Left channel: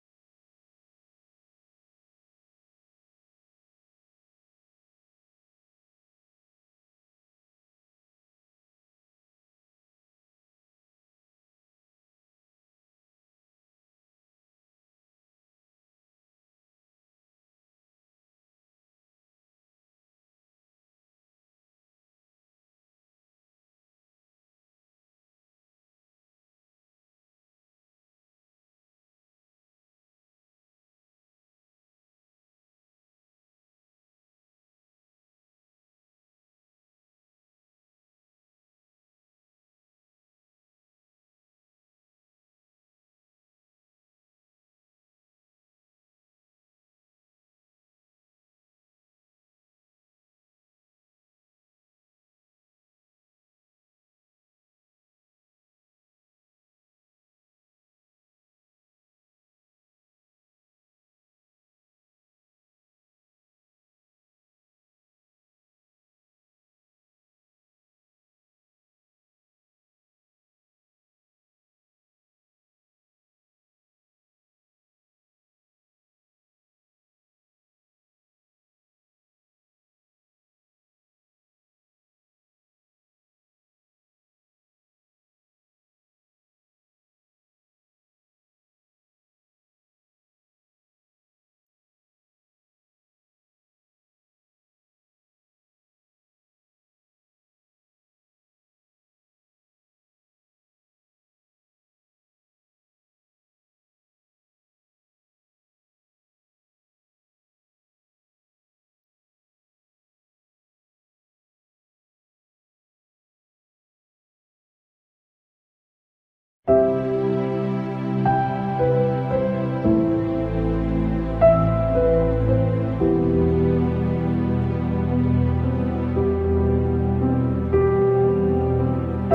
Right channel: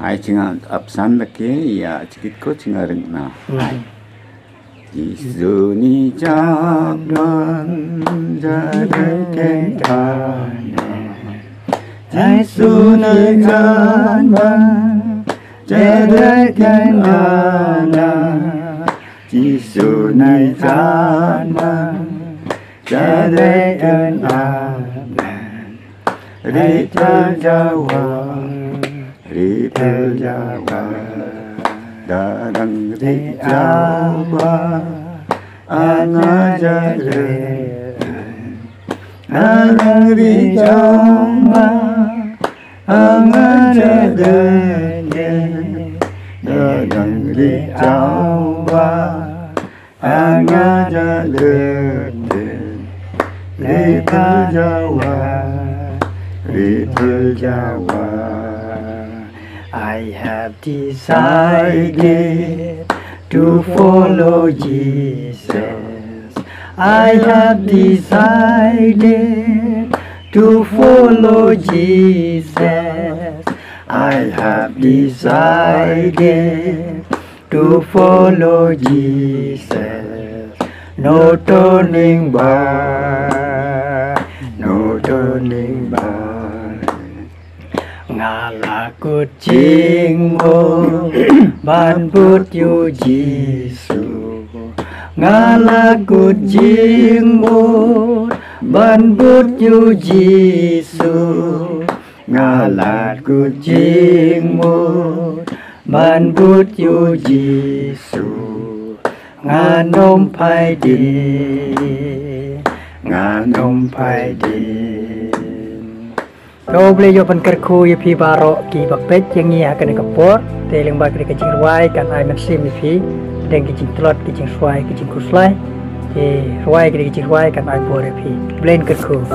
ai chinga apsan lake ya chikit ko chinga reng na Gisu ni jaman jadeken kana Gisu ni jaman jadeken kana Gisu ni jaman jadeken kana Rita Jawa Rita Jawa Dadang di Jawa Angajare Dadang di Jawa Angajare Dadang di Jawa Angajare Little Jawa Little Jawa I have decided to follow Jesus. I have decided to follow Jesus. I have decided to follow Jesus. No turning back, no turning back. Ngala kucing mo ban put you Jisu Ngala kucing mo ban put you Jisu Ngala kucing mo ban put you Jisu Nganom pai di Nganom pai di Kau boleh jawapan kerku ya pi barok ki bakpet yang ia akan dikepot teling bak di kecing ruai kan ai maksim ni pi dan kecing telot kecing suai kecing kuslai ruai kecing ruai kan ai boleh pi blend kerku